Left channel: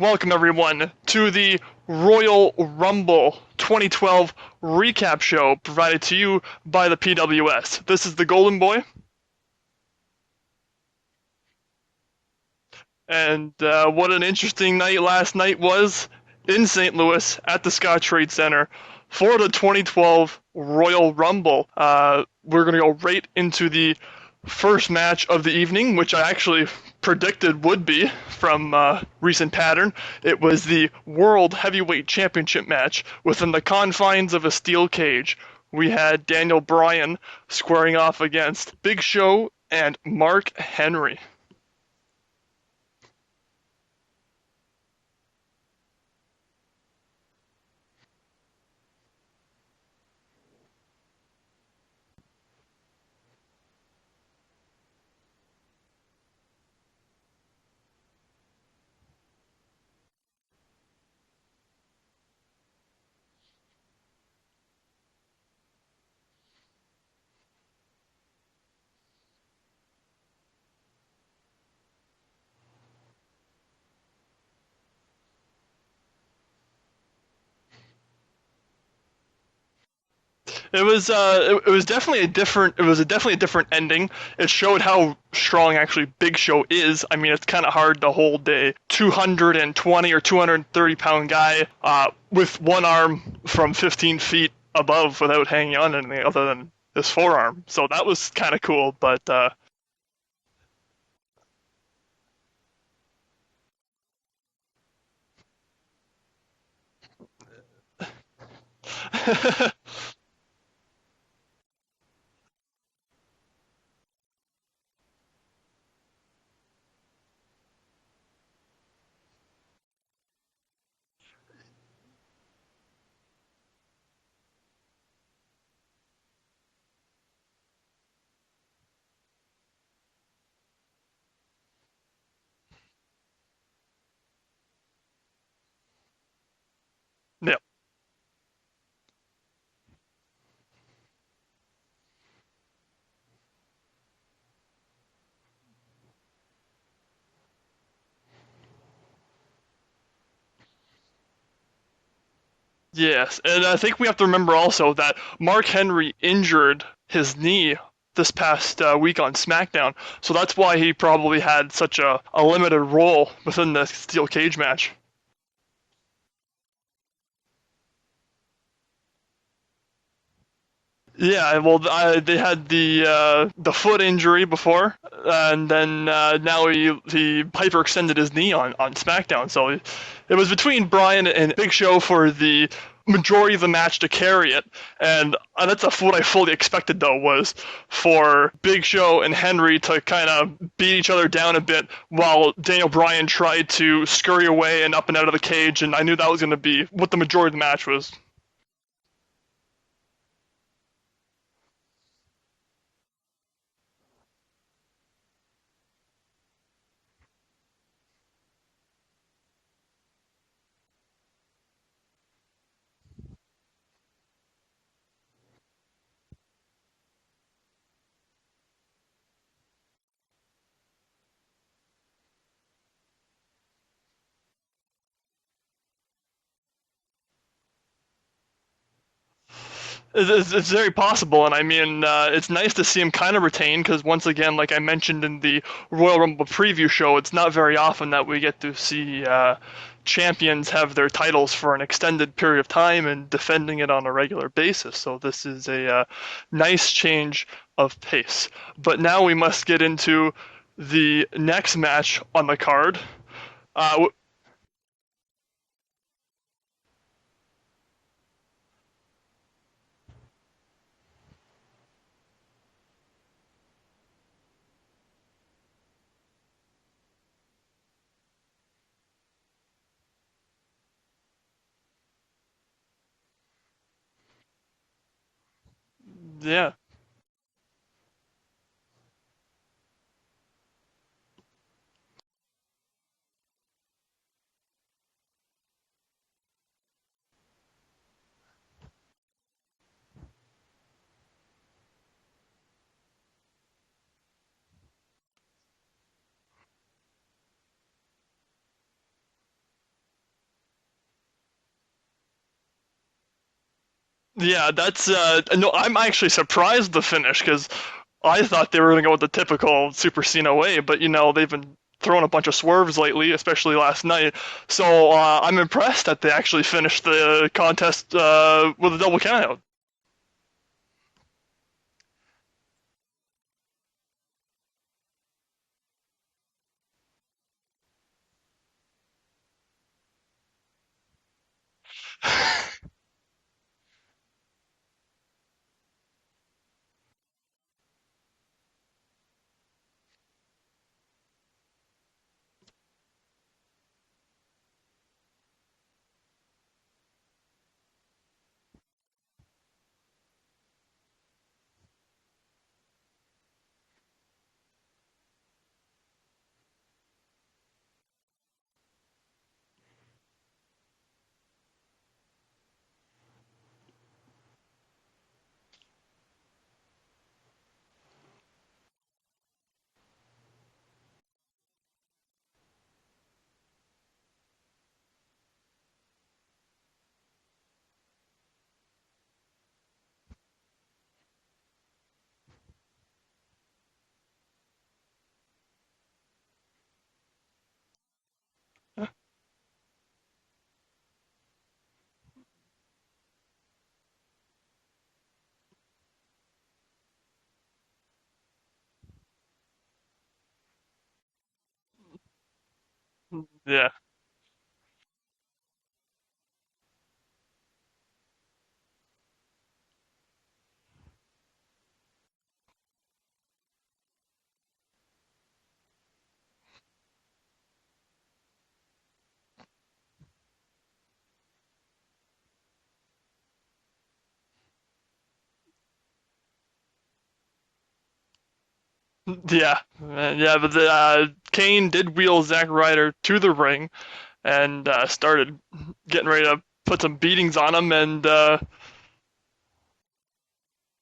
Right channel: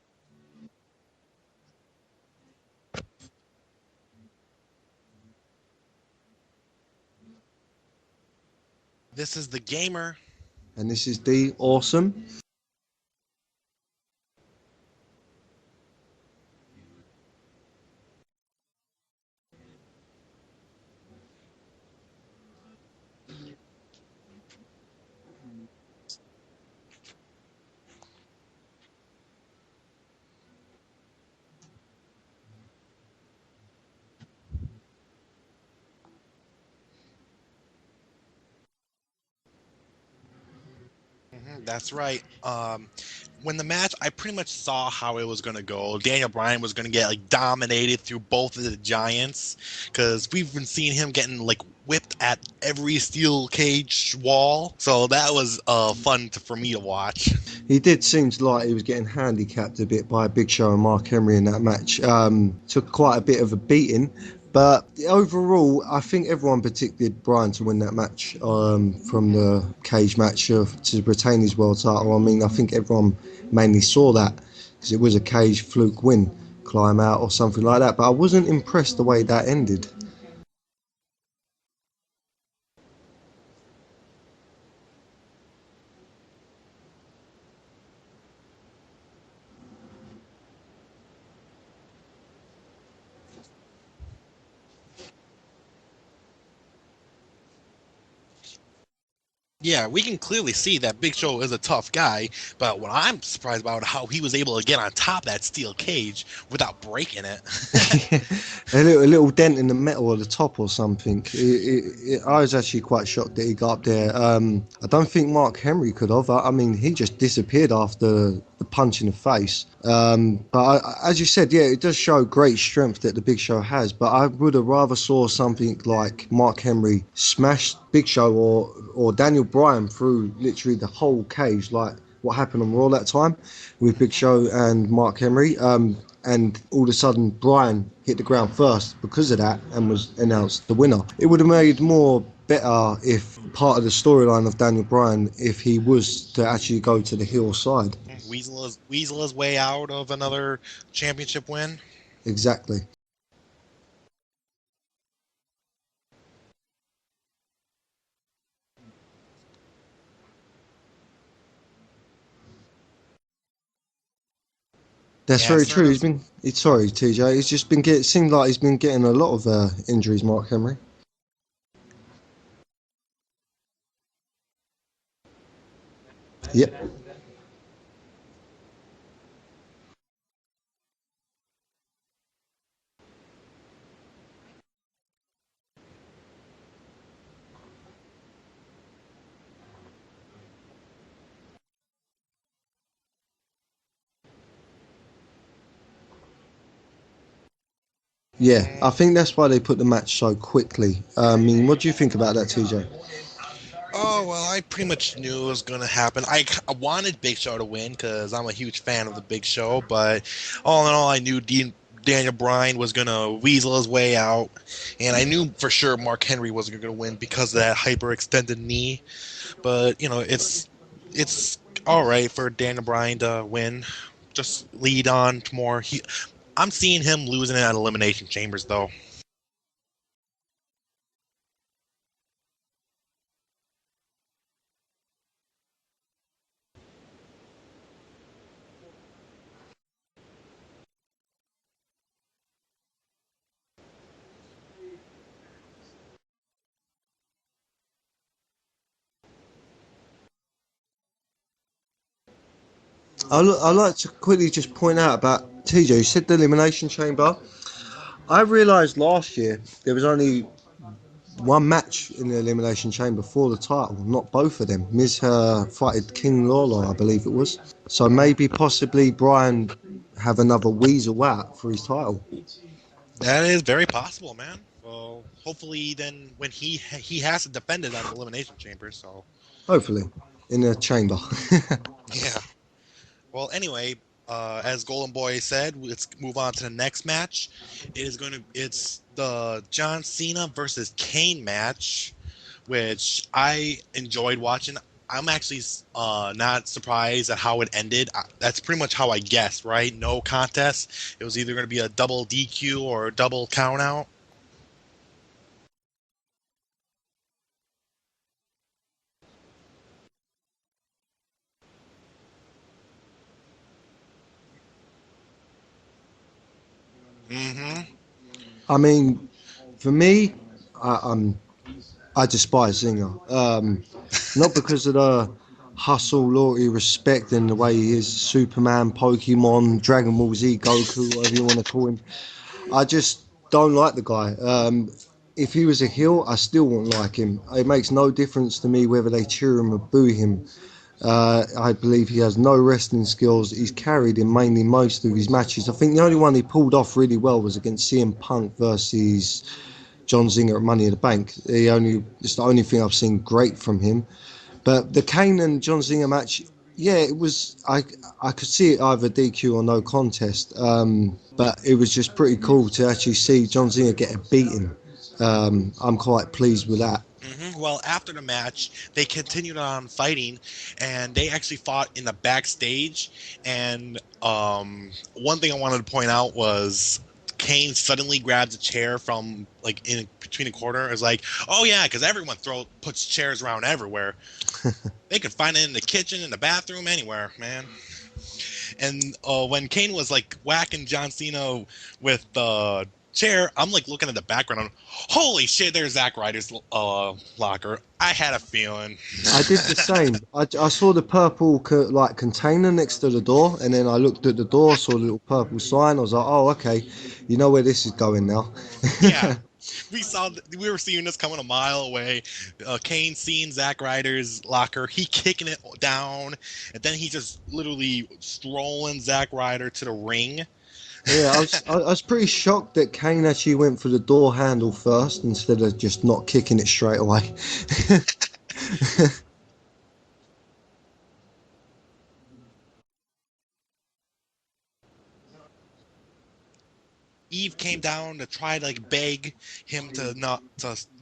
Welcome everyone to the Royal Rumble 2012 recap show provided to you by the PWS. This is the Golden Boy, This is the gamer. And this is D Awesome. and what an interesting night last night was in St. Louis at the Scottrade Center for the 2012 Royal Rumble. We're going to go right into the first match of the evening, which I actually predicted would be from recent pattern. It was the World Heavyweight Championship match within the confines of a steel cage. We had Daniel Bryan squaring off against Big Show and Mark Henry. That's right. When the match, I pretty much saw how it was going to go. Daniel Bryan was going to get dominated through both of the giants because we've been seeing him getting whipped at every steel cage wall. So that was fun for me to watch. He did seem like he was getting handicapped a bit by Big Show and Mark Henry in that match. Took quite a bit of a beating. But overall, I think everyone predicted Bryan to win that match from the cage match to retain his world title. I mean, I think everyone mainly saw that because it was a cage fluke win, climb out or something like that. But I wasn't impressed the way that ended. It was definitely a different ending. It showed how strong actually Big Show is. I mean, it's kind of hard to hold a 220 or 230 pound guy with one arm from 15 feet above without hanging on anything other than his forearm. So that was kind of cool. But Yeah, we can clearly see that Big Show is a tough guy, but what I'm surprised about how he was able to get on top of that steel cage without breaking it. A little dent in the metal at the top or something. I was actually quite shocked that he got up there. I don't think Mark Henry could have. I mean, he just disappeared after the punch in the face. As you said, yeah, it does show great strength that the Big Show has. But I would have rather saw something like Mark Henry smash Big Show or Daniel Bryan through literally the whole cage, like what happened on Raw that time with Big Show and Mark Henry. And all of a sudden Bryan hit the ground first because of that and was announced the winner. It would have made more better if part of the storyline of Daniel Bryan if he was to actually go to the heel side. Weasel his way out of another championship win. Exactly. yes, and I think we have to remember also that Mark Henry injured his knee this past week on SmackDown, so that's why he probably had such a limited role within the steel cage match. That's Yeah, very sort true. of. Sorry, TJ. He's just been it seemed like he's been getting a lot of injuries, Mark Henry. Yeah, well, they had the foot injury before, and then now Yep. he hyperextended his knee on SmackDown. So it was between Bryan and Big Show for the majority of the match to carry it, and that's what I fully expected though was for Big Show and Henry to kind of beat each other down a bit while Daniel Bryan tried to scurry away and up and out of the cage, and I knew that was going to be what the majority of the match was. Yeah, I think that's why they put the match so quickly. I mean, what do you think about that, TJ? Oh, well, I pretty much knew it was going to happen. I wanted Big Show to win because I'm a huge fan of the Big Show, but all in all, I knew Daniel Bryan was going to weasel his way out, and I knew for sure Mark Henry wasn't going to win because of that hyperextended knee. But, it's all right for Daniel Bryan to win. Just lead on to more. I'm seeing him losing it at Elimination Chambers, though. It's very possible, and I mean, it's nice to see him kind of retain because once again, like I mentioned in the Royal Rumble preview show, it's not very often that we get to see champions have their titles for an extended period of time and defending it on a regular basis. So this is a nice change of pace. But now we must get into the next match on the card. I like to quickly just point out about TJ. You said the Elimination Chamber. I realised last year there was only one match in the Elimination Chamber for the title, not both of them. Miz fighted King Lawler, I believe it was. So maybe possibly Bryan have another weasel out for his title. That is very possible, man. Well, hopefully then when Yeah. he has to defend it on Elimination Chamber, so Hopefully, in the chamber. yeah. Well, anyway, as Golden Boy said, let's move on to the next match. It's the John Cena versus Kane match, which I enjoyed watching. I'm actually not surprised at how it ended. That's pretty much how I guessed, right? No contest. It was either going to be a double DQ or a double count out. Yeah, that's no. I'm actually surprised the finish because I thought they were gonna go with the typical Super Cena way, but they've been throwing a bunch of swerves lately, especially last night. So I'm impressed that they actually finished the contest with a double countout. For me, I despise Zinger. Not because of the hustle, loyalty, respect, and the way he is Superman, Pokemon, Dragon Ball Z, Goku, whatever you want to call him. I just don't like the guy. If he was a heel, I still wouldn't like him. It makes no difference to me whether they cheer him or boo him. I believe he has no wrestling skills. He's carried in mainly most of his matches. I think the only one he pulled off really well was against CM Punk versus John Zinger at Money in the Bank. It's the only thing I've seen great from him. But the Kane and John Zinger match, yeah, it was. I could see it either DQ or no contest. But it was just pretty cool to actually see John Zinger get a beating. I'm quite pleased with that. Well, after the match, they continued on fighting, and they actually fought in the backstage. And one thing I wanted to point out was Kane suddenly grabs a chair from in between the corner. It's like, oh yeah, because everyone puts chairs around everywhere. They could find it in the kitchen, in the bathroom, anywhere, man. And when Kane was whacking John Cena with the chair, I'm looking at the background. Holy shit! There's Zack Ryder's locker. I had a feeling. I did the same. I saw the purple container next to the door, and then I looked at the door, saw the little purple sign. I was like, oh, okay, you know where this is going now. Yeah. We were seeing this coming a mile away. Kane seeing Zack Ryder's locker, he kicking it down, and then he just literally strolling Zack Ryder to the ring. Yeah, I was pretty shocked that Kane actually went for the door handle first instead of just not kicking it straight away. Yeah, but Kane did wheel Zack Ryder to the ring and started getting ready to put some beatings on him, and tried to beg him to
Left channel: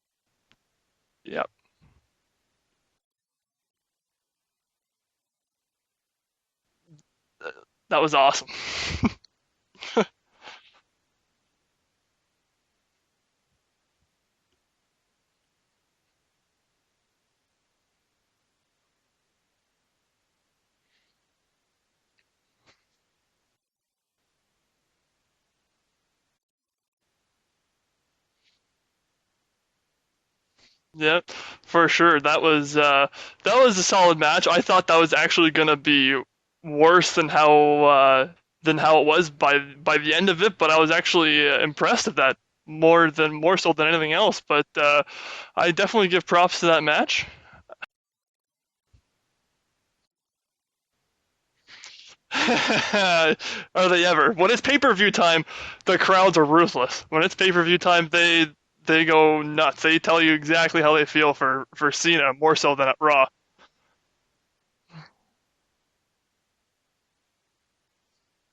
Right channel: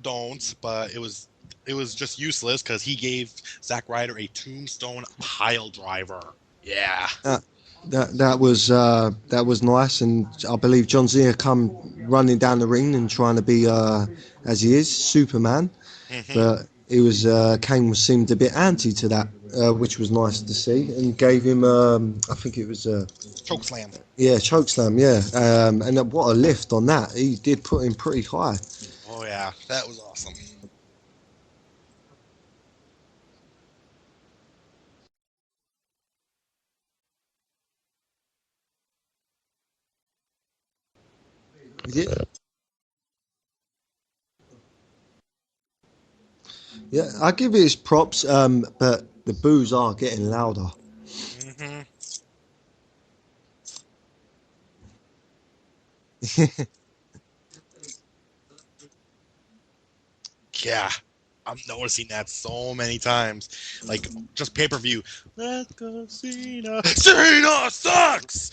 don't, but it was just useless because he gave Zack Ryder a tombstone pile driver. Yeah. That was awesome. That was nice, and I believe John Cena come running down the ring and trying to be as he is Superman, but it was Kane seemed a bit anti to that, which was nice to see, and gave him I think it was chokeslam. Yeah, chokeslam. Yeah, and what a lift on that! He did put him pretty high. Oh yeah, that was awesome. Yeah, for sure. That was a solid match. I thought that was actually gonna be worse than how it was by the end of it, but I was actually impressed at that more so than anything else. But I definitely give props to that match. Yeah, I give it his props, but the boos are getting louder. Are they ever? When it's pay-per-view time, the crowds are ruthless. When it's pay-per-view time, they go nuts. They tell you exactly how they feel for Cena, more so than at Raw. Just pay-per-view. Let's go, Cena. Cena sucks!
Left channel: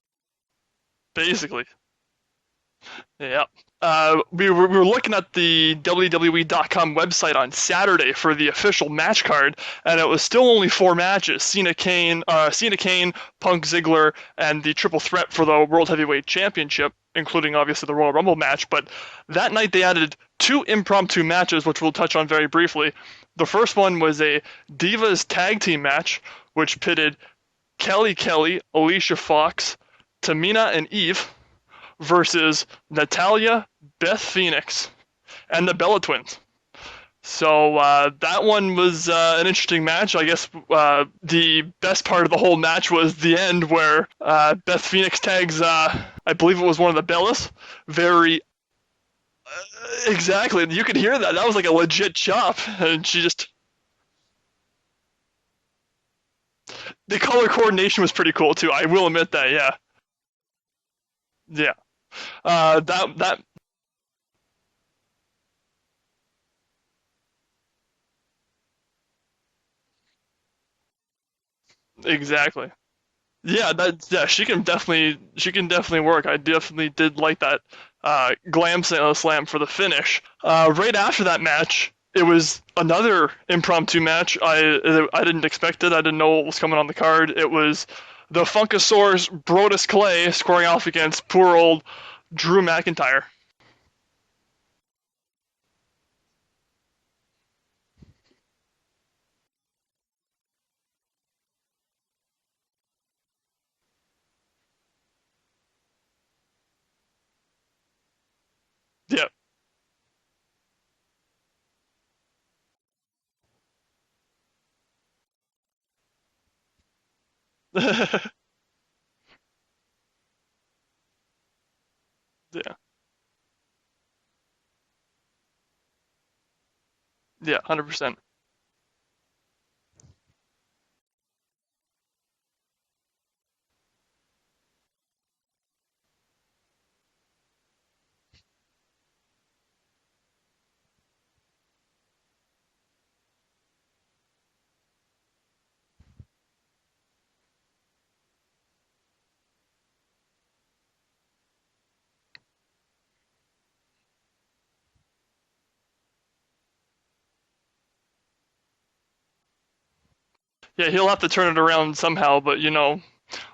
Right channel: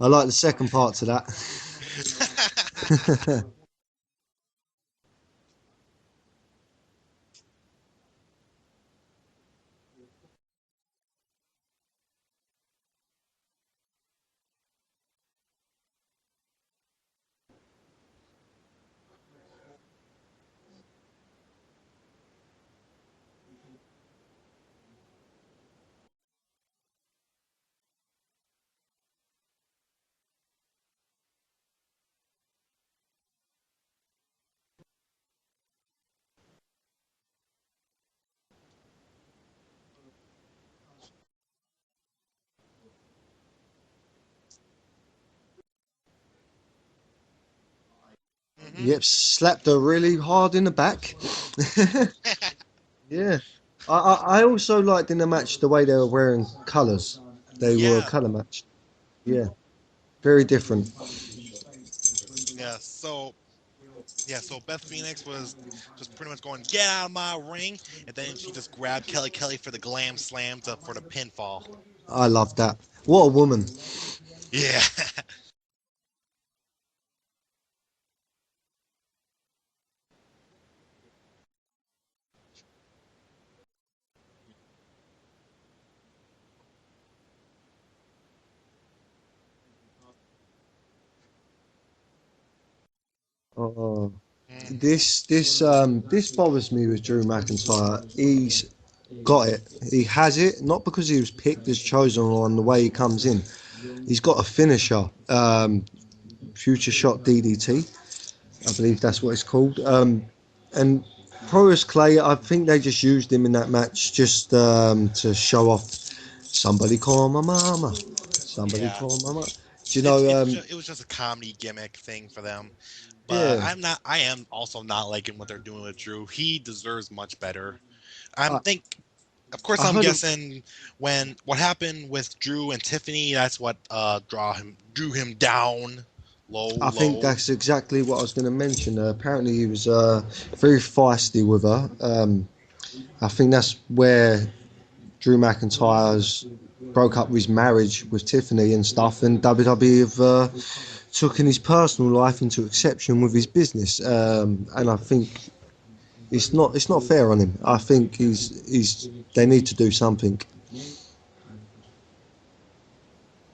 I like the second part to that. Basically. Yeah. We were looking at the WWE.com website on Saturday for the official match card, and it was still only 4 matches: Cena Kane, Punk Ziggler, and the triple threat for the World Heavyweight Championship, including obviously the Royal Rumble match. But that night they added 2 impromptu matches, which we'll touch on very briefly. The first one was a Divas tag team match, which pitted Kelly, Alicia Fox, Tamina, and Eve versus Natalya, Beth Phoenix, and the Bella Twins. So that one was an interesting match. I guess the best part of the whole match was the end where Beth Phoenix tags, I believe it was one of the Bellas, very... Yep, slapped her really exactly. hard in the back. You could hear that. That was like a legit chop. And she just... I also liked in the match the way they were wearing colours. The color coordination was pretty cool too. I will admit that. Yeah. Very different. Yeah. Yeah, so Beth Phoenix was just pretty much going, get out of my ring, and then she just grabbed Kelly for the glam slam for the pinfall. Exactly. I love that. What a woman. Yeah, she can definitely work. I definitely did like that glam slam for the finish. Right after that match, it was another impromptu match. I didn't expect it. I didn't know what was coming on the card. It was the Funkasaurus Brodus Clay squaring off against poor old Drew McIntyre. Oh, Mm. this bothers me with Drew McIntyre. He's got it. He has it, not because he was picked as chosen on the way he comes in. He's got a finisher, future shot DDT. I believe that's Yeah, what it's called. And Proas Clay, I think they just used him in that match just to show off. Somebody call my mama. Somebody Yeah. call my mama. Do you know? It was just a comedy gimmick thing for them. yeah, But Yeah. I am also not liking what they're doing with Drew. He deserves much yeah, better. 100%. I'm I, think of course I I'm heard. guessing when what happened with Drew and Tiffany, that's what drew him down I think low. that's exactly what I was going to mention. Apparently, he was very feisty with her. I think that's where Drew McIntyre's broke up his marriage with Tiffany and stuff, and WWE have taken his personal life into exception with his business. And I think it's not fair on him. I think he's they need to do something. Yeah, he'll have to turn it around somehow, but a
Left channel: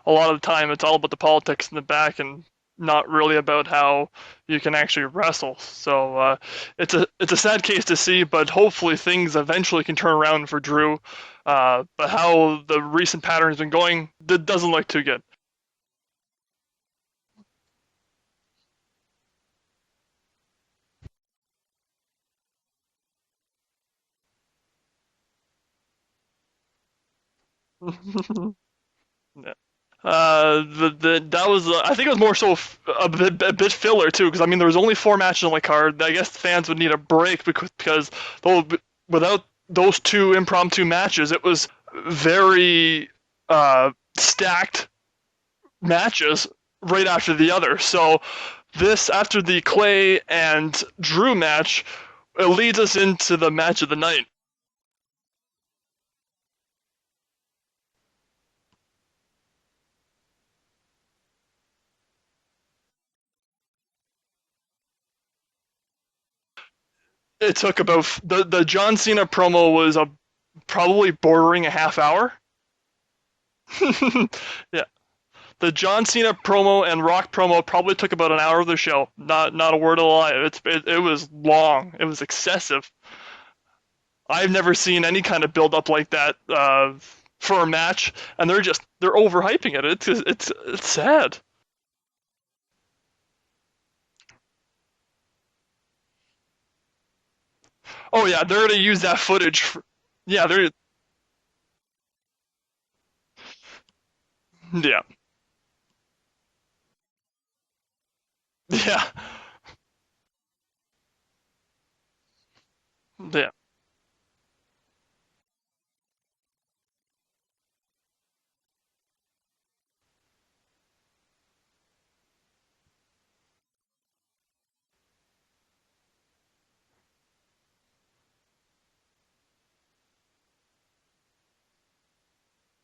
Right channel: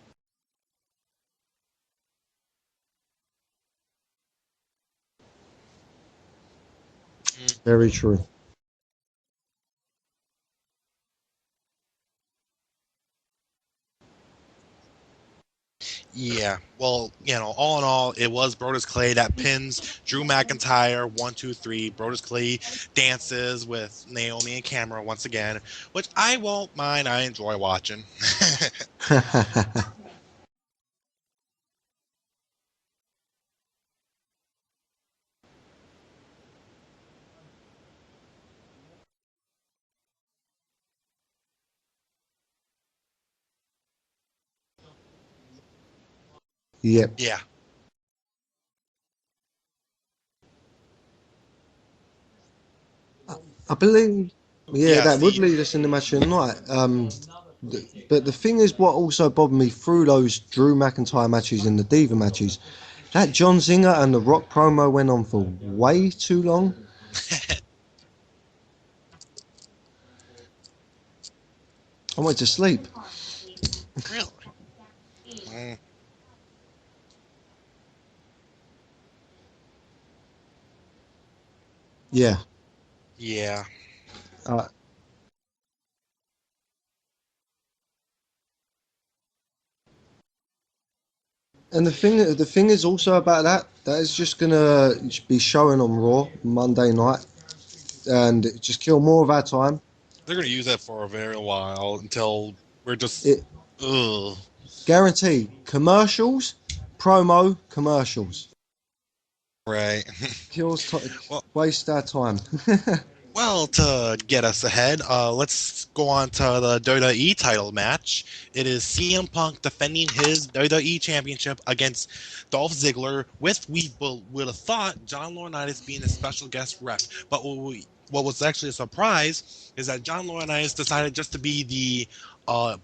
lot of the time it's all about the politics in the back and not really about how you can actually wrestle. So it's a sad case Very to true. see, but hopefully things eventually can turn around for Drew. But how the recent pattern has been going, it doesn't look too good. Yeah. Well, all in all, it was Brodus Clay that pins Drew McIntyre 1, 2, 3. Brodus Clay dances with Naomi and Cameron once again, which I won't mind. I enjoy watching. That was I think it was more so a bit filler too, because I mean there was only 4 matches on the card. I guess fans would need a break because without those 2 impromptu matches, it was very stacked matches right Yeah. after Yeah. the other. So this after the Clay and Drew match, it leads us into the I match of the night. believe, yeah, Yes. that would lead us in the match of the night. But the thing is, what also bothered me through those Drew McIntyre matches and the Diva matches, that John Zinger and the Rock promo went on for way too long. It took about the John Cena promo was probably bordering a half I hour. went to sleep. Yeah, the Mm, John Cena promo and Rock promo probably took about an hour of the show. Not a word of a lie. It was long. It was Yeah. excessive. yeah. I've Uh, never seen any kind of build up like that for a match, and they're overhyping it. It's sad. and the thing is also about that is just gonna be showing on Raw Monday night, Oh yeah, and they're gonna just kill use that more of our footage. time. They're Yeah, gonna use there's it for a very while until we're just It ugh. yeah guaranteed commercials, promo commercials. yeah Right. Kills Well, waste our time. yeah. well, to get us ahead, let's go on to the WWE title match. It is CM Punk defending his WWE Championship against Dolph Ziggler, with we would have thought John Laurinaitis being a special guest ref. But what was actually a surprise is that John Laurinaitis decided just to be the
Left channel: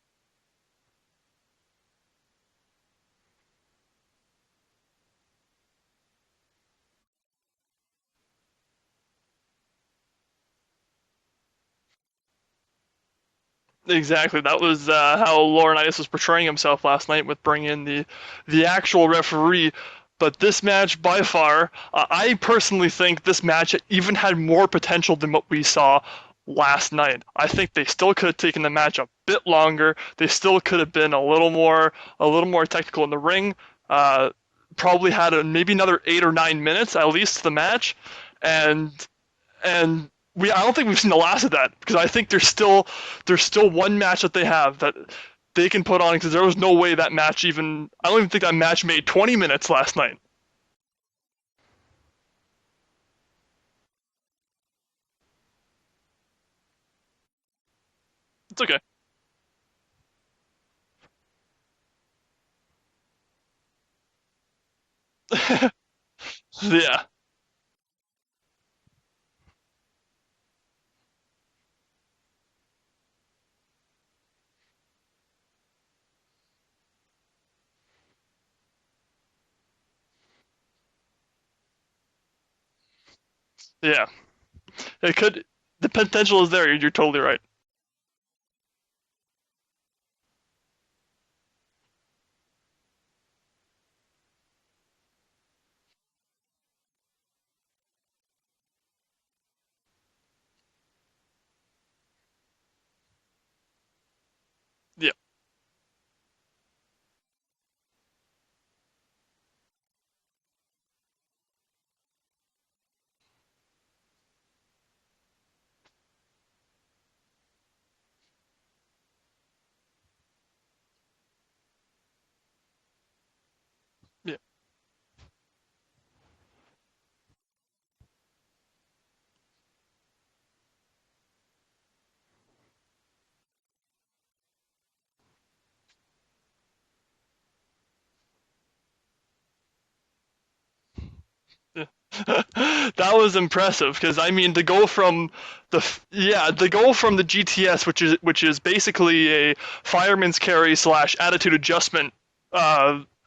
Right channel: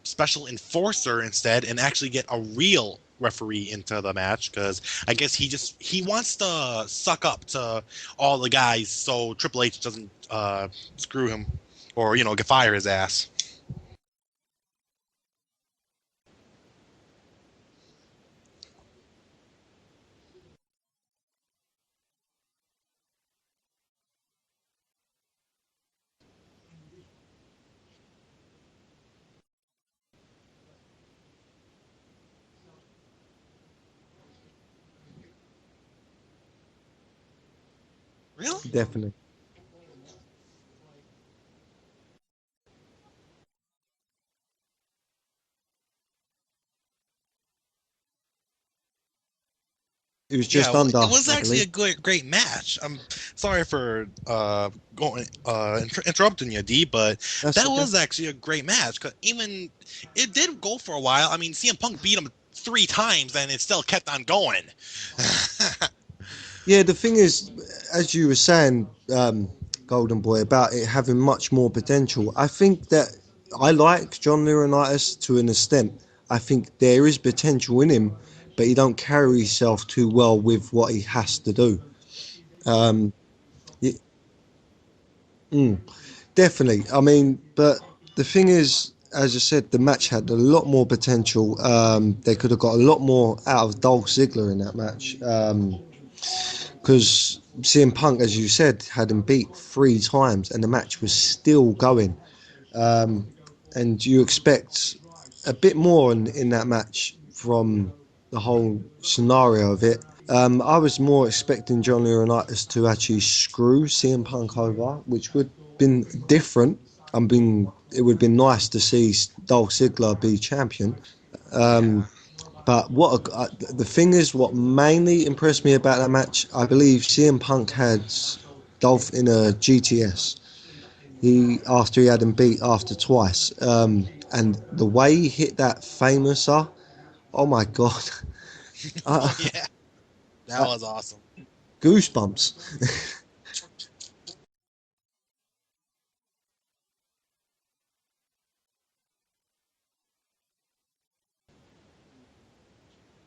special enforcer instead and actually get a real referee into the match, because I guess he wants to suck up to all the guys so Triple H doesn't screw him or get fire his ass. Exactly. That was how Laurinaitis was portraying himself last night with bringing in the actual referee. But this match, by far, I personally think this match even had more potential than what we saw last night. I think they still could have taken the match a bit longer. They still could have been a little more technical in the ring. Probably had maybe another 8 or 9 minutes at least to the match, and Definitely. and I don't think we've seen the last of that, because I think there's still one match that they have that they can put on, because there was no way that match even I don't even think that match made 20 minutes last night. It was Yeah, just well, under, it was I actually a believe. great match. I'm sorry for going interrupting you, D, but That's that okay. was actually a It's great okay. match. 'Cause even it did go for a while. I mean, CM Punk beat him 3 times, and it still kept on going. Yeah, the Yeah, thing is, as you were saying, Golden Boy, about it having much more potential, I think that I like John Laurinaitis to an extent. I think there is potential in him, but he don't carry himself too well with what he has to do. Um, yeah. It could. Mm. The potential is there. Definitely. You're I totally mean, right. but the thing is, as I said, the match had a lot more potential. They could have got a lot more out of Dolph Ziggler in that match. Because CM Punk, as you said, had him beat 3 times and the match was still going. And you expect Yeah. a bit more in that match from the whole scenario of it. I was more expecting John Laurinaitis to actually screw CM Punk over, which would have been different. It would have been nice to see Dolph Ziggler be champion. But the thing is, what mainly impressed me about that match, I believe CM Punk had Dolph in a GTS. After he had him beat after twice, and the way he hit that famouser, oh my god, Oh uh, yeah, that uh, was awesome. goosebumps. That was impressive because I mean to go from the GTS, which is basically a fireman's carry slash attitude adjustment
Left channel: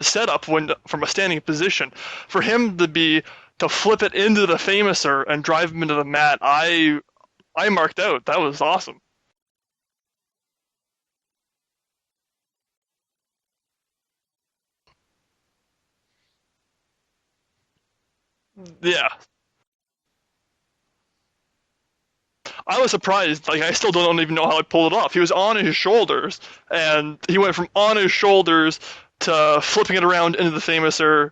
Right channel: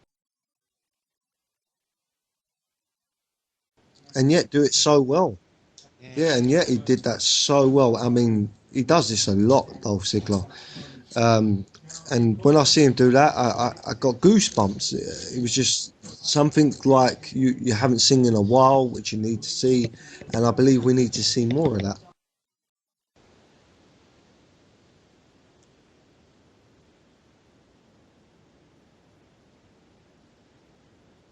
setup when from a standing position, for him to flip it And into yet the do it so famouser well. and drive him into the Yeah, mat, and yet he I did that so I well. marked I out. That mean, was he awesome. does this a lot, Dolph Ziggler. Um, and when I see him do that, I got goosebumps. It was just something like you haven't seen in a while Yeah, that you need to see, and I believe we need to see more of that. I was surprised. Like I still don't even know how I pulled it off. He was on his shoulders, and he went from on his shoulders to flipping it around into the famouser.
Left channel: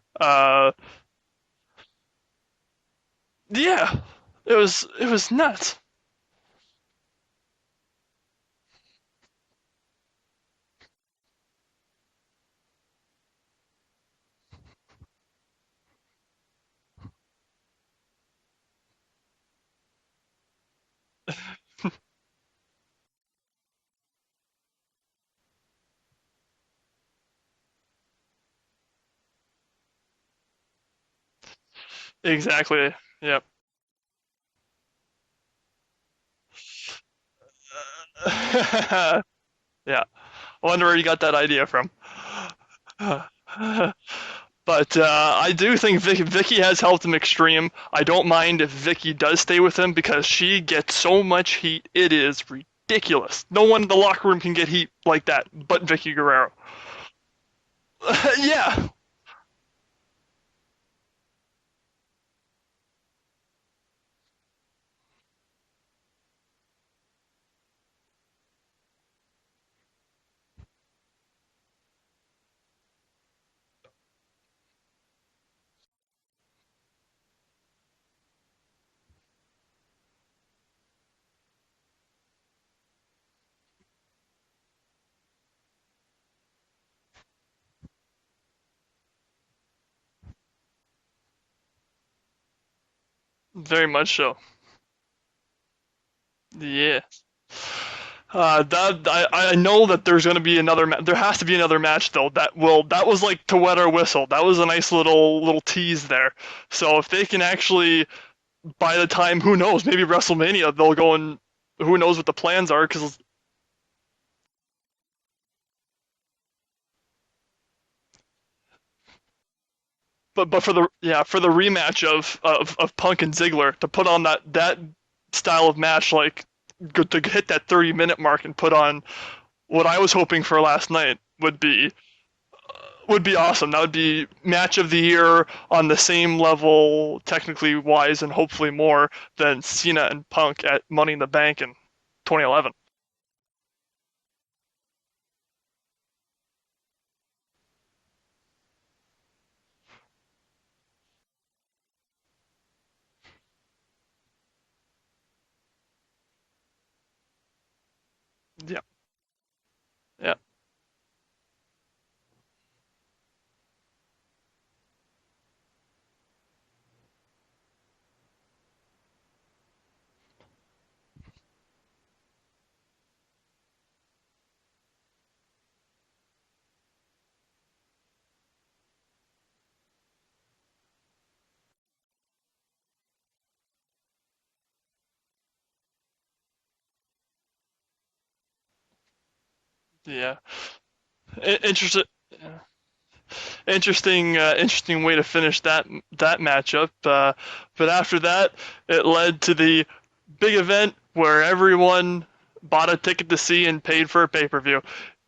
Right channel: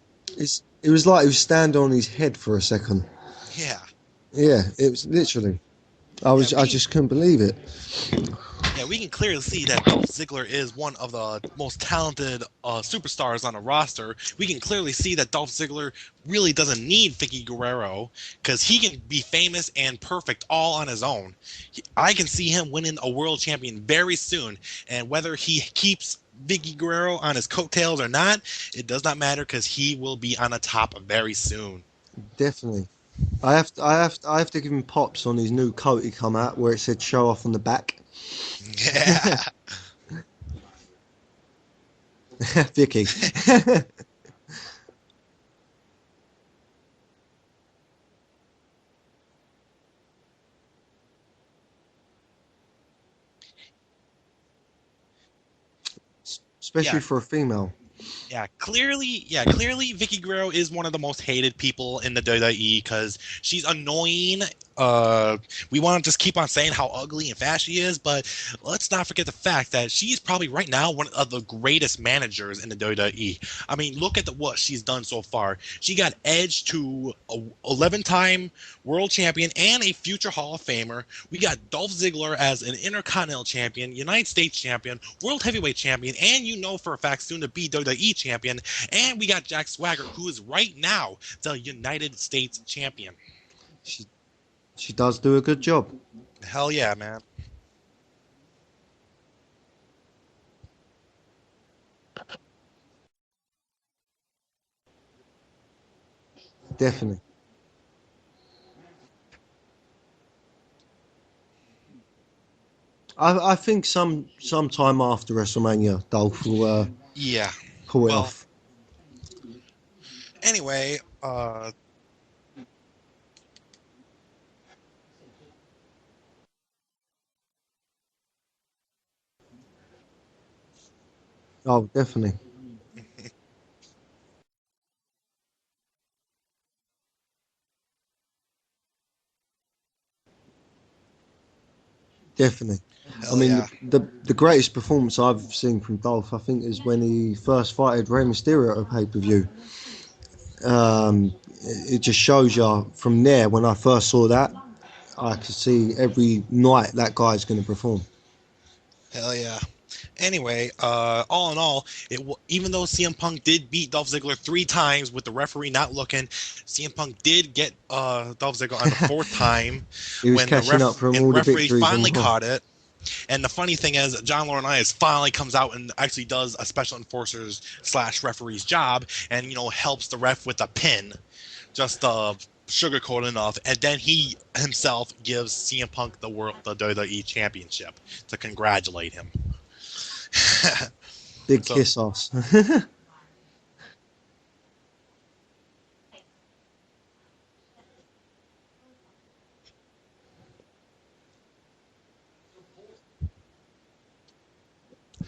It was like he was standing on his head for a second. Yeah, it Yeah, was it was it was literally. nuts. Yeah, I just couldn't believe it. Yeah, we can clearly see that Dolph Ziggler is one of the most talented superstars on the roster. We can clearly see that Dolph Ziggler really doesn't need Vicky Guerrero because he can be famous and perfect all on his own. I can see him winning a world champion very soon, and whether he keeps Vicky Guerrero on his coattails or not, it does not matter because he will be on the top very soon. Definitely. Exactly. Yeah. I have to give him pops on his new coat he come out where it said "show off" on the back. Yeah. Yeah. I wonder where you got that idea from. Vicky. But I do think Vicky has helped him extreme. I don't mind if Vicky does stay with him because she gets so much heat. It is ridiculous. No one in the locker room can get heat like that but Vicky Guerrero. Especially Yeah. for a female. Yeah. Clearly, Vicky Guerrero is one of the most hated people in the WWE because she's annoying. We want to just keep on saying how ugly and fast she is, but let's not forget the fact that she's probably right now one of the greatest managers in the WWE. I mean, look at what she's done so far. She got Edge to a 11-time world champion and a future Hall of Famer. We got Dolph Ziggler as an Intercontinental Champion, United States Champion, World Heavyweight Champion, and you know for a fact soon to be WWE Champion. And we got Jack Swagger, who is right now the United States Champion. Very much so. She does do a good job. Hell Yeah. yeah, man. I know that there's gonna be another. There has to be another match though. That was like to wet our whistle. That was a nice little tease there. So if Definitely. they can actually, by the time, who knows, maybe WrestleMania they'll go and who knows what the plans are because. I think sometime after WrestleMania, Dolph will Yeah. pull it Well, off. But for the Anyway, for the rematch of Punk and Ziggler to put on that style of match, like to hit that 30-minute mark and put on what I was hoping for last night Oh, definitely. would be awesome. That would be match of the year on the same level technically wise and hopefully more than Cena and Punk at Money in the Bank in 2011. Definitely. I hell mean, yeah. the greatest performance I've seen from Dolph, I think, is when he first fighted Rey Mysterio at a pay-per-view. It just shows you from there, when I first saw that, I could see every night that guy's going to perform. Yeah. Hell yeah. Yeah. Anyway, all in all, even though CM Punk did beat Dolph Ziggler 3 times with the referee not looking, CM Punk did get Dolph Ziggler on the 4th time He was when catching up from all the referee victories. finally on Raw. caught it. And the funny thing is, John Laurinaitis finally comes out and actually does a special enforcer's / referee's job, and helps the ref with a pin, just sugarcoat enough, and then he himself gives CM Punk the WWE Championship to congratulate him. Yeah. Good Interesting. sauce. Interesting way to finish that matchup. But after that, it led to the big event where everyone bought a ticket to see and paid for a pay-per-view.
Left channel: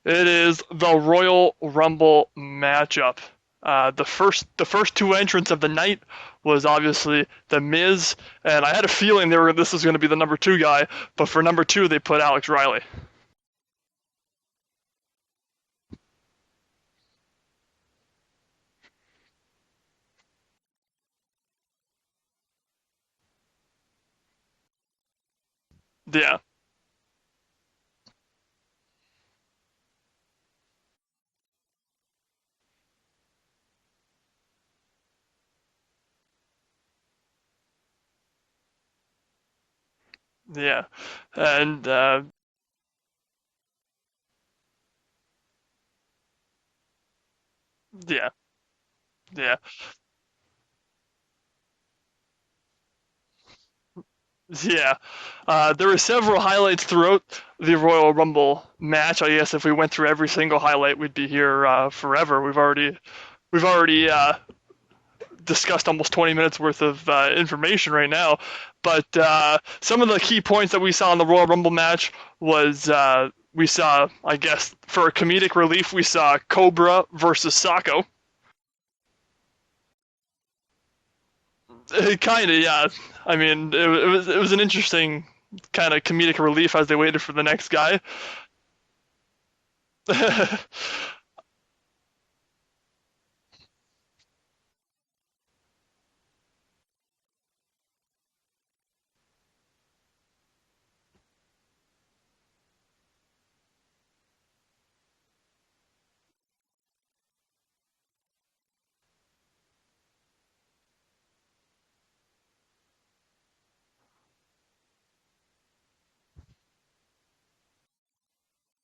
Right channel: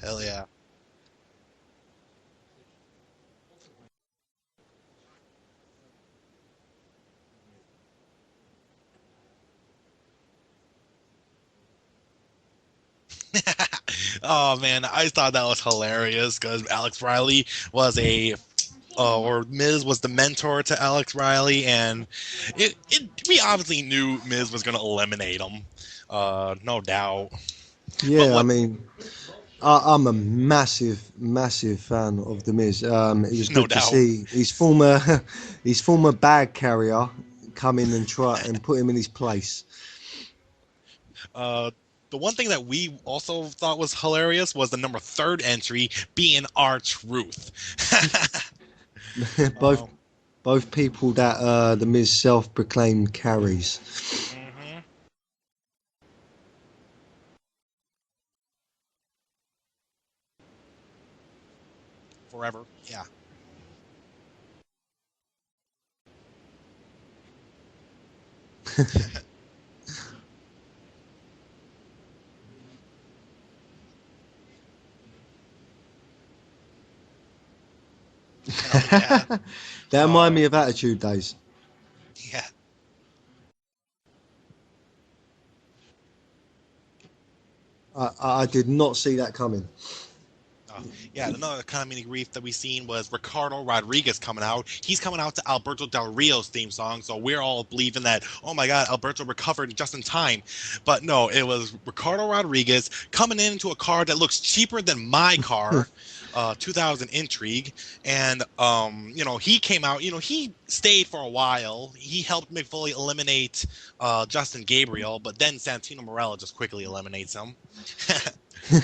It is the Royal Rumble matchup. The first two entrants of the night was obviously The Miz, and I had a feeling this was going to be the number 2 guy, but for number 2 they put Alex Riley. Oh man, I thought that was hilarious because Alex Riley was or Miz was the mentor to Alex Riley, and we obviously knew Miz was going to eliminate him. Yeah. No doubt. Yeah, I mean, I'm a massive fan of The Miz. It was No good to doubt. see his former bag carrier come in and try and put him in his place. Yeah. The And one thing that we also thought was hilarious was the number 3rd entry being R-Truth. Yeah. Both people that The Miz self-proclaimed carries. Yeah. There were several highlights throughout the Royal Rumble match. I guess if we went through every single highlight, we'd be here forever. Right. We've already discussed almost 20 minutes worth of information right now. But some of the key points that we saw in the Royal Rumble match was we saw, I guess, for comedic relief, we saw Cobra versus Socko. That reminded me of Attitude Days. Kind of, yeah. I mean, it was an interesting kind of comedic relief as they waited for the next guy. I did not see that coming. Another comedic relief that we seen was Ricardo Rodriguez coming out. He's coming out to Alberto Del Rio's theme song, so we're all believing that, oh my God, Alberto recovered just in time. But no, it was Ricardo Rodriguez coming into a car that looks cheaper than my car. 2000 Intrigue, and he came out. He stayed for a while. He helped Mick Foley eliminate Justin Gabriel, but then Santino Marella just quickly eliminates him.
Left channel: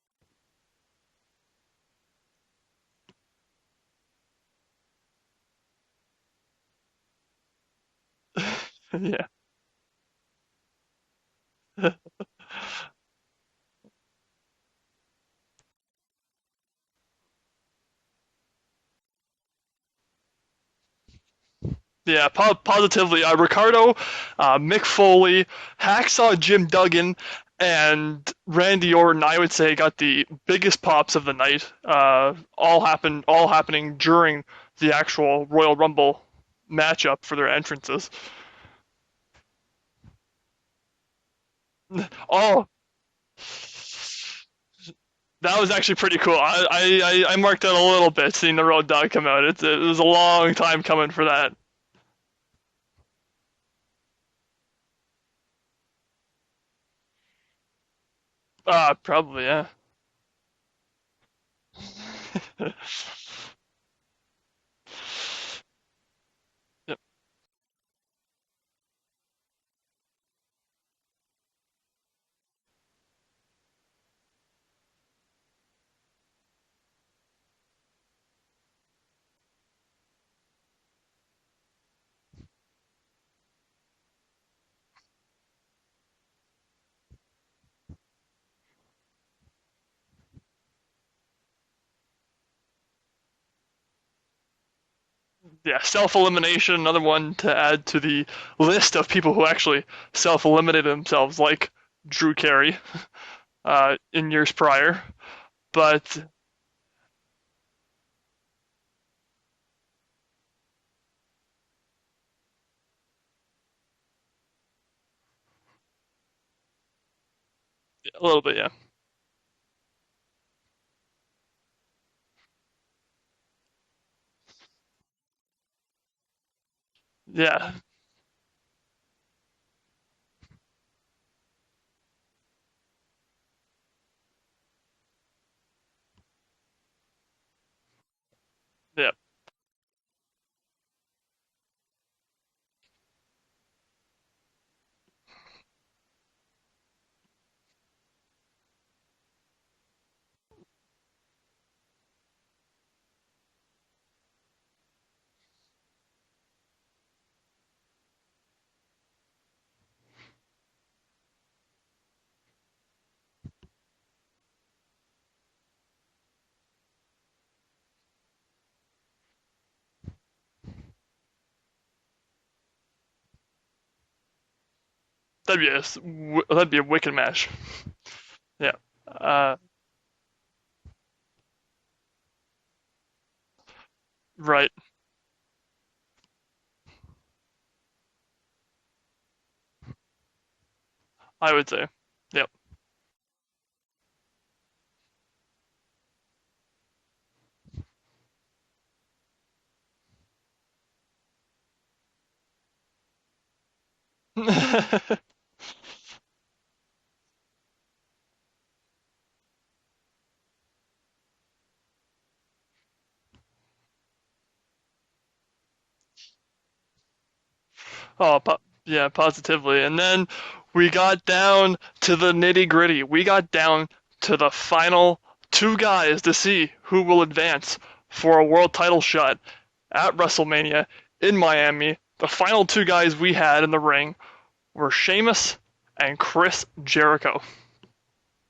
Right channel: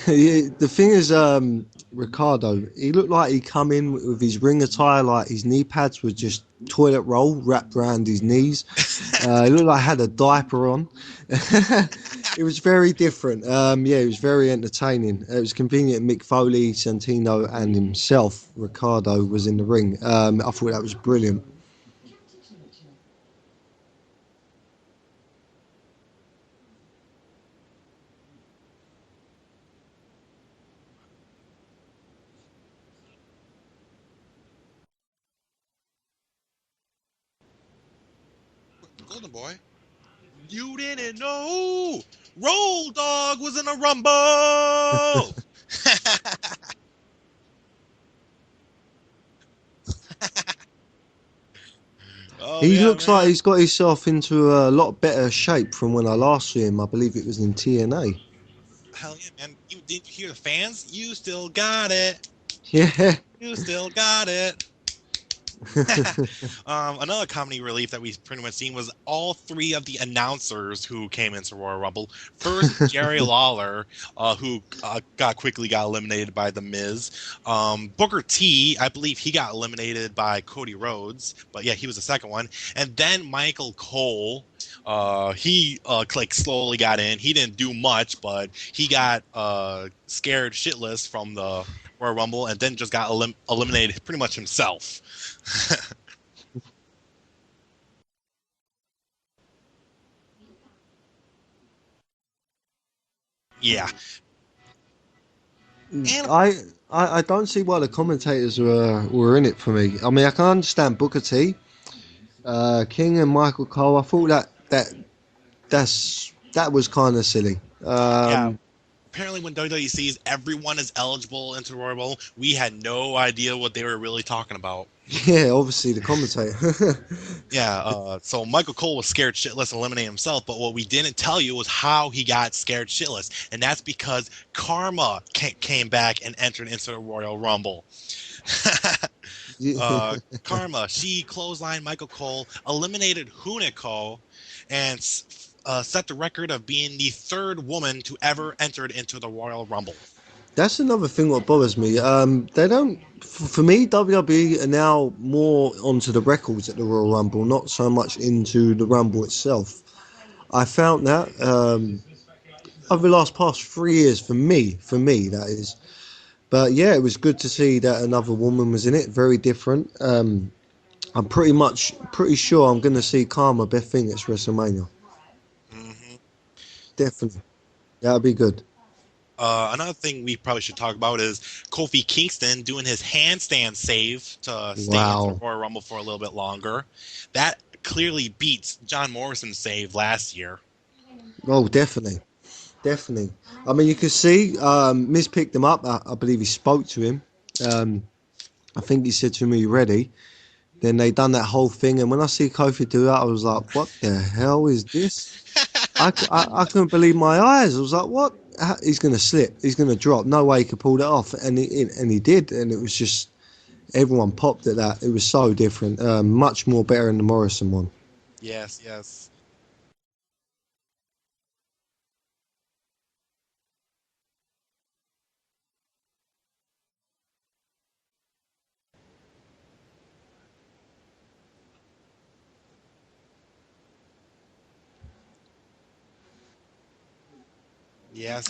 The thing is, Ricardo, he looked like he come in with his ring attire, like his knee pads were just toilet roll wrapped around his knees. He looked like he had a diaper on. It was very different. It was very entertaining. It was convenient. Mick Foley, Santino, and himself, Ricardo, was in the ring. I thought that was brilliant. Yeah, positively. Ricardo, Mick Foley, Hacksaw Jim Duggan, and Randy Orton, I would say, got the biggest pops of the night. All happening during the actual Royal Rumble matchup for their entrances. Golden Boy, you didn't know Road Dogg was in a Rumble. That was actually pretty cool. I marked out a little bit seeing the Road Dogg come out. It was a long time coming for that. He looks like he's got himself into a lot better shape from when I last saw him. I believe it was in TNA. Probably, yeah. Did you hear the fans? You still got it. Yeah. You still got it. Another comedy relief that we pretty much seen was all 3 of the announcers who came into Royal Rumble. First, Jerry Lawler, who quickly got eliminated by The Miz. Booker T, I believe he got eliminated by Cody Rhodes, but yeah, he was the second one. And then Michael Cole, he slowly got in. He didn't do much, but he got scared shitless from the Royal Rumble and then just got eliminated pretty much himself. Yeah, self-elimination, another one to add to the list of people who actually self-eliminated themselves, like Drew Carey in years prior. But I don't see why the commentators were in it for me. I mean, I can understand Booker T, King and Michael Cole. I thought that was kind of silly. a little bit, yeah. Apparently, when WWE sees everyone is eligible into Royal Rumble, we had no idea what they were really talking about. Yeah, obviously the commentator. So Michael Cole was scared shitless and eliminated himself, but what we didn't tell you was how he got scared shitless, and that's because Karma came back and entered into the Royal Rumble. Karma, she clotheslined Michael Cole, eliminated Hunico, and set the record of being the 3rd woman to ever enter into the Royal Rumble. That's another thing what bothers me. They don't, for me, WWE are now more onto the records at the Royal Rumble, not so much into the Rumble itself. I found that over the past 3 years, for me, that is. But yeah, it was good to see that another woman was in it. Very different. I'm pretty sure I'm going to see Karma Beth Phoenix WrestleMania. that'd be a wicked Definitely. match. That'd be good. Yeah. Another thing we probably should talk about is Kofi Kingston doing his handstand save to Right. stay in Wow. for Royal Rumble for a little bit longer. That clearly beats John Morrison's save last year. I Oh, would say. definitely. Yep. Definitely. I mean, you can see Miz picked him up. I believe he spoke to him. I think he said to him, "Are you ready?" Then they done that whole thing. And when I see Kofi do that, I was like, what the hell is this? I couldn't believe my eyes. I was like, what? He's going to slip. He's going to drop. No way he could pull that off. And he did. And it was just, everyone popped at that. It was so different. Much more better than the Morrison one. Oh, Yes, yeah, yes. positively. And then we got down to the nitty-gritty. We got down to the final two guys to see who will advance for a world title shot at WrestleMania in Miami. The final two guys we had in the ring were Sheamus and Chris Jericho. Yes.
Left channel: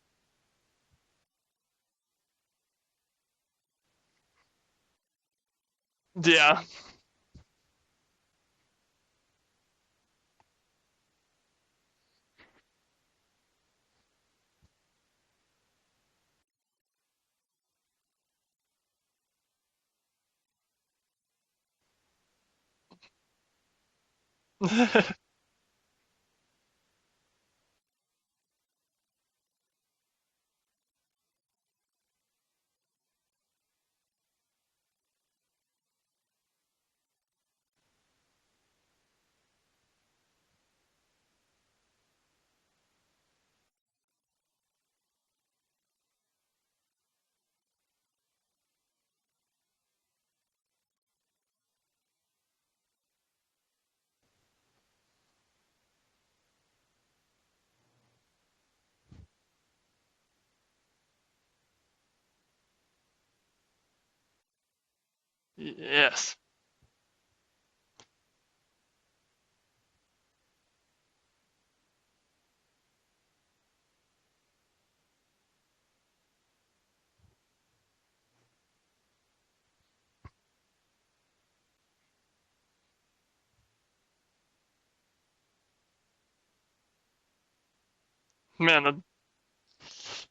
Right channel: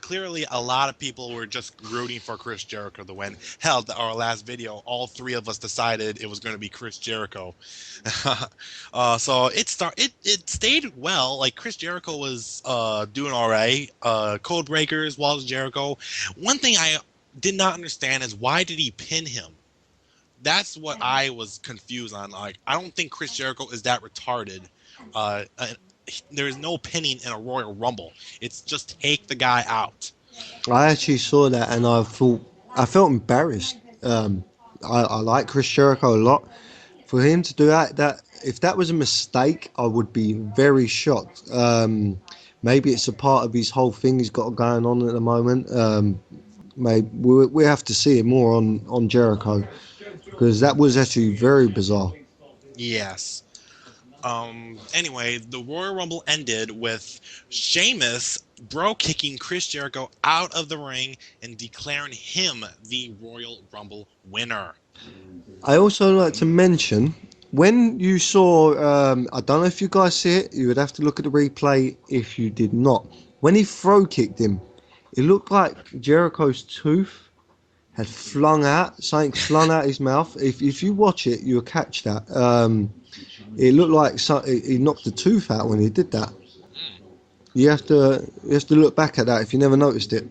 Clearly, a lot of people were just rooting for Chris Jericho to win. Hell, our last video, all three of us decided it was going to be Chris Jericho. So it stayed well. Like Chris Jericho was doing all right. Code Breakers, Walls of Jericho. One thing I did not understand is why did he pin him? That's what I was confused on. Like, I don't think Chris Jericho is that retarded. There is no pinning in a Royal Rumble. It's just take the guy out. I actually saw that and I felt embarrassed. I like Chris Jericho a lot. For him to do that, if that was a mistake, I would be very shocked. Maybe it's a part of his whole thing he's got going on at the moment. Maybe we have to see it more on Jericho because that was actually very bizarre. Yes. Anyway, the Royal Rumble ended with Sheamus kicking Chris Jericho out of the ring and declaring him the Royal Rumble winner. I also Yes. like to mention when you saw, I don't know if you guys see it, you would have to look at the replay if you did not. When he throw kicked him, it looked like Jericho's tooth had something flung out his mouth. If you watch it, you'll catch that. It looked like he knocked the tooth out when he did that. You have to Man, look back at that if you never noticed it.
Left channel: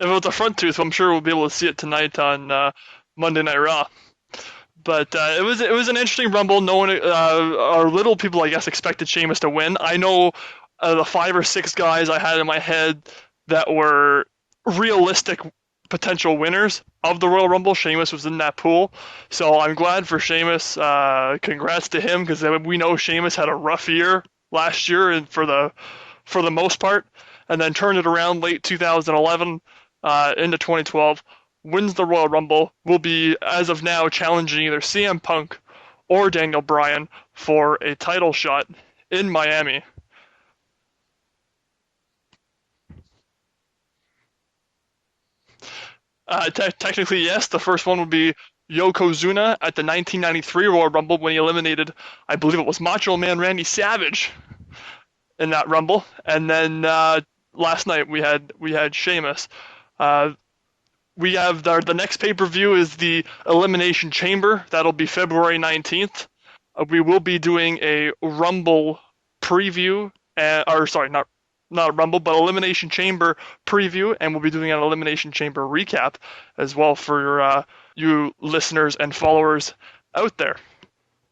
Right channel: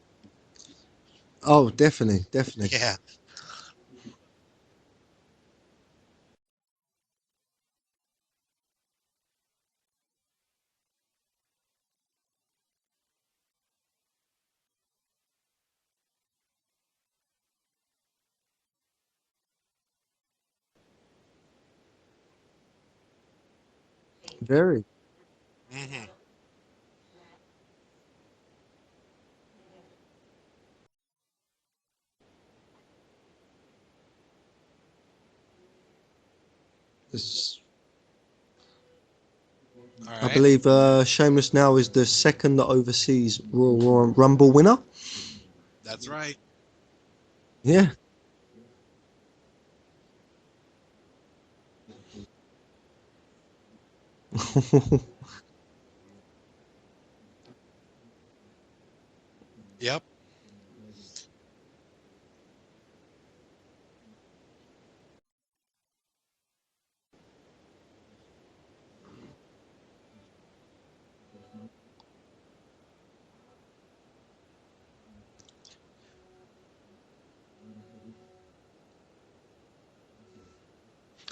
If it was a front tooth, I'm sure we'll be able to Oh, see it tonight definitely, on definitely. Yeah. Monday Night Raw. But it was an interesting Rumble. No one, or little people, I guess, expected Sheamus to win. I know the 5 or 6 guys I had in my head that were realistic potential winners of the Royal Rumble. Sheamus was in that pool, so I'm glad for Sheamus. Congrats to him because we know Sheamus had a rough year last year, and for the most part, and then turned it around late 2011 into 2012. Wins the Royal Rumble, will be, as of now, challenging either CM Punk or Daniel Bryan for a title shot in Miami. All I right. believe Sheamus now is the second overseas Royal Rumble winner. That's right. Technically, yes. The first one would be Yokozuna at the 1993 Royal Rumble when he eliminated, I believe it was Macho Man Randy Savage in that Rumble. And then last night we had Sheamus. Yep. We have the next pay-per-view is the Elimination Chamber. That'll be February 19th. We will be doing a Rumble preview, not a Rumble, but Elimination Chamber preview, and we'll be doing an Elimination Chamber recap as well for you listeners and followers out there.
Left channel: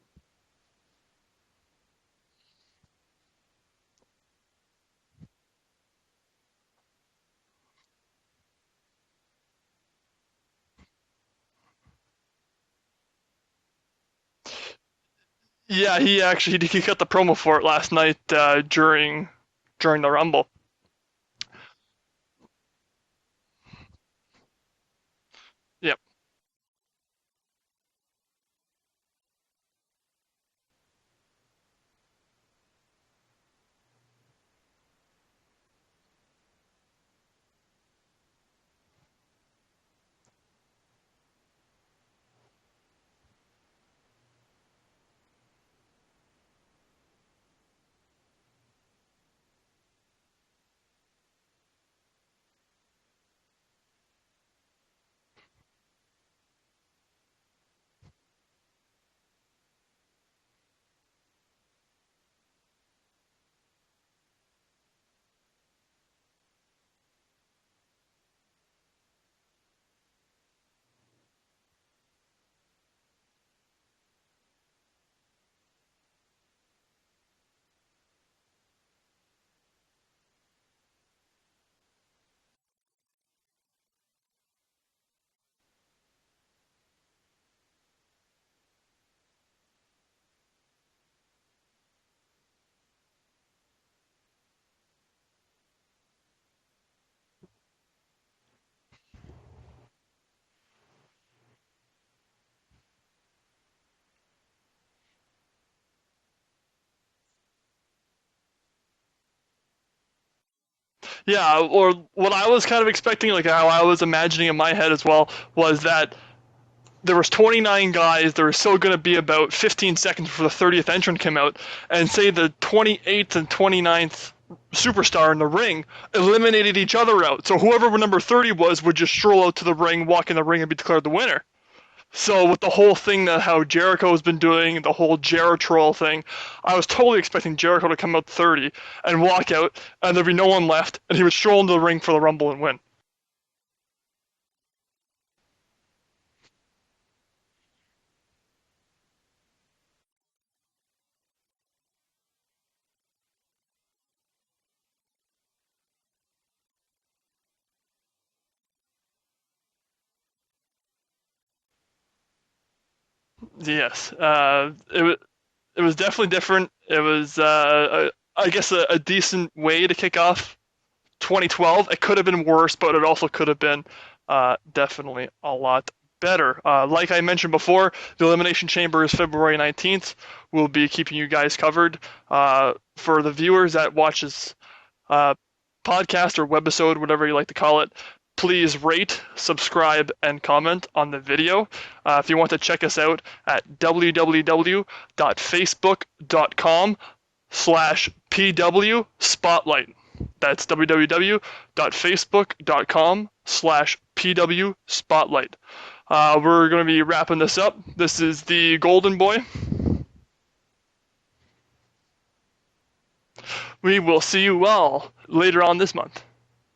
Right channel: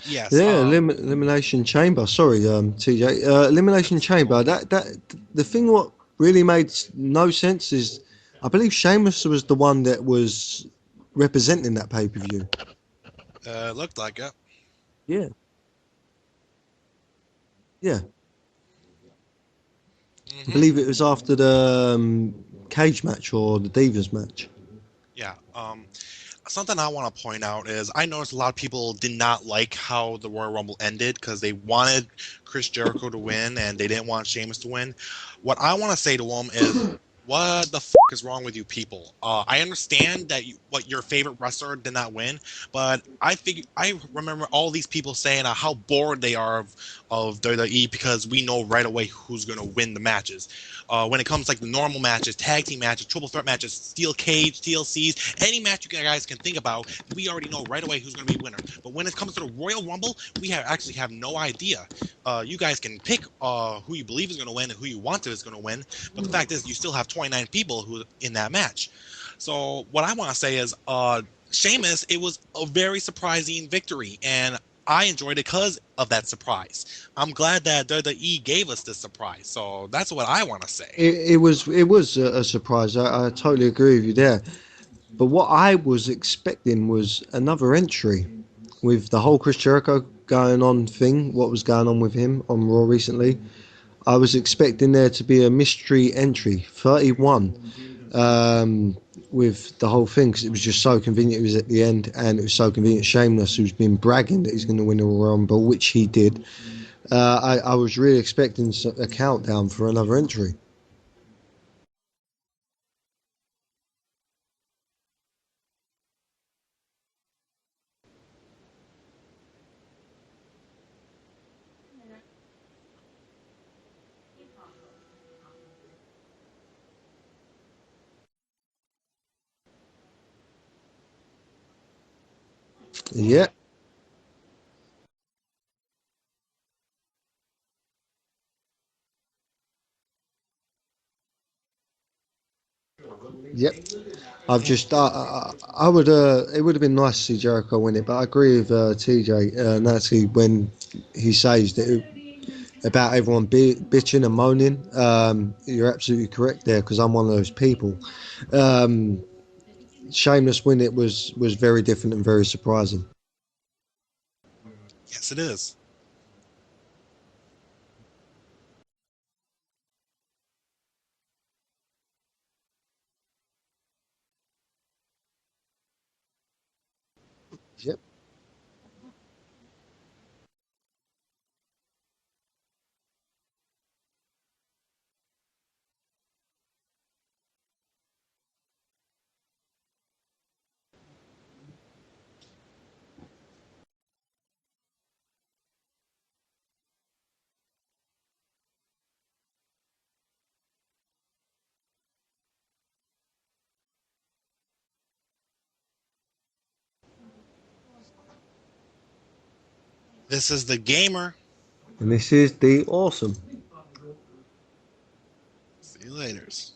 Yes. Yeah, Elimination Chamber. Sorry, TJ. Elimination Chamber. That the thing what really made no sense is I believe Sheamus was the one that was representing that pay-per-view. Looked like it. Yeah. Yeah, he cut the promo for it last night during the Rumble. I believe it was after the cage match or the Divas match. Yeah. Yep. Something I want to point out is I noticed a lot of people did not like how the Royal Rumble ended because they wanted Chris Jericho to win and they didn't want Sheamus to win. What I want to say to them is What the is wrong with you people? I understand that what your favorite wrestler did not win, but I remember all these people saying how bored they are of WWE because we know right away who's gonna win the matches. When it comes like the normal matches, tag team matches, triple threat matches, steel cage, TLCs, any match you guys can think about, we already know right away who's gonna be winner. But when it comes to the Royal Rumble, we actually have no idea. You guys can pick who you believe is gonna win and who you want to is gonna win. But the fact is, you still have 29 people who in that match. So what I want to say is, Sheamus, it was a very surprising victory, and I enjoyed it because of that surprise. I'm glad that WWE gave us this surprise. So that's what I want to say. It was a surprise. I totally agree with you there. But what I was expecting was another entry with the whole Chris Jericho going on thing. What was going on with him on Raw recently? I was expecting there to be a mystery entry, 31, with the whole thing because it was just so convenient. It was at the end, and it was so convenient. Sheamus, who's been bragging that he's going to win the Royal Rumble, which he did. I was really expecting a countdown for another entry. Yeah, or what I was kind of expecting, like how I was imagining in my head as well, was that there was 29 guys. There was still going to be about 15 seconds before the 30th entrant came out, and say the 28th and 29th superstar in the ring eliminated each other out. So whoever number 30 was would just stroll out to the ring, walk in the ring, and be declared the winner. So with the whole thing that Yep. how Jericho's been doing, the whole Jeritroll thing, I was totally expecting Jericho to come out 30 and walk out, and there'd be no one left, and he would stroll into the ring for the Rumble and win. Yep. I've just, I would, it would have been nice to see Jericho win it, but I agree with TJ Natsky when he says that about everyone bitching and moaning. You're absolutely correct there because I'm one of those people. Um, Shameless win it was very different and very surprising. Yes, Yes, it is. it was definitely different. It was, I guess, a decent way to kick off 2012. It could have been worse, but it also could have been definitely a lot better. Like I mentioned before, the Elimination Chamber is February 19th. We'll be keeping you guys covered. For the viewers that watches podcast or webisode, whatever you like to call it, please rate, subscribe, and comment on the video. If you want to check us out at www.facebook.com/PW Spotlight. That's www.facebook.com/PW Spotlight. We're going to be wrapping this up. This is the Golden Boy. This is the gamer. And this is the awesome. We will see you all later on this month. Laters.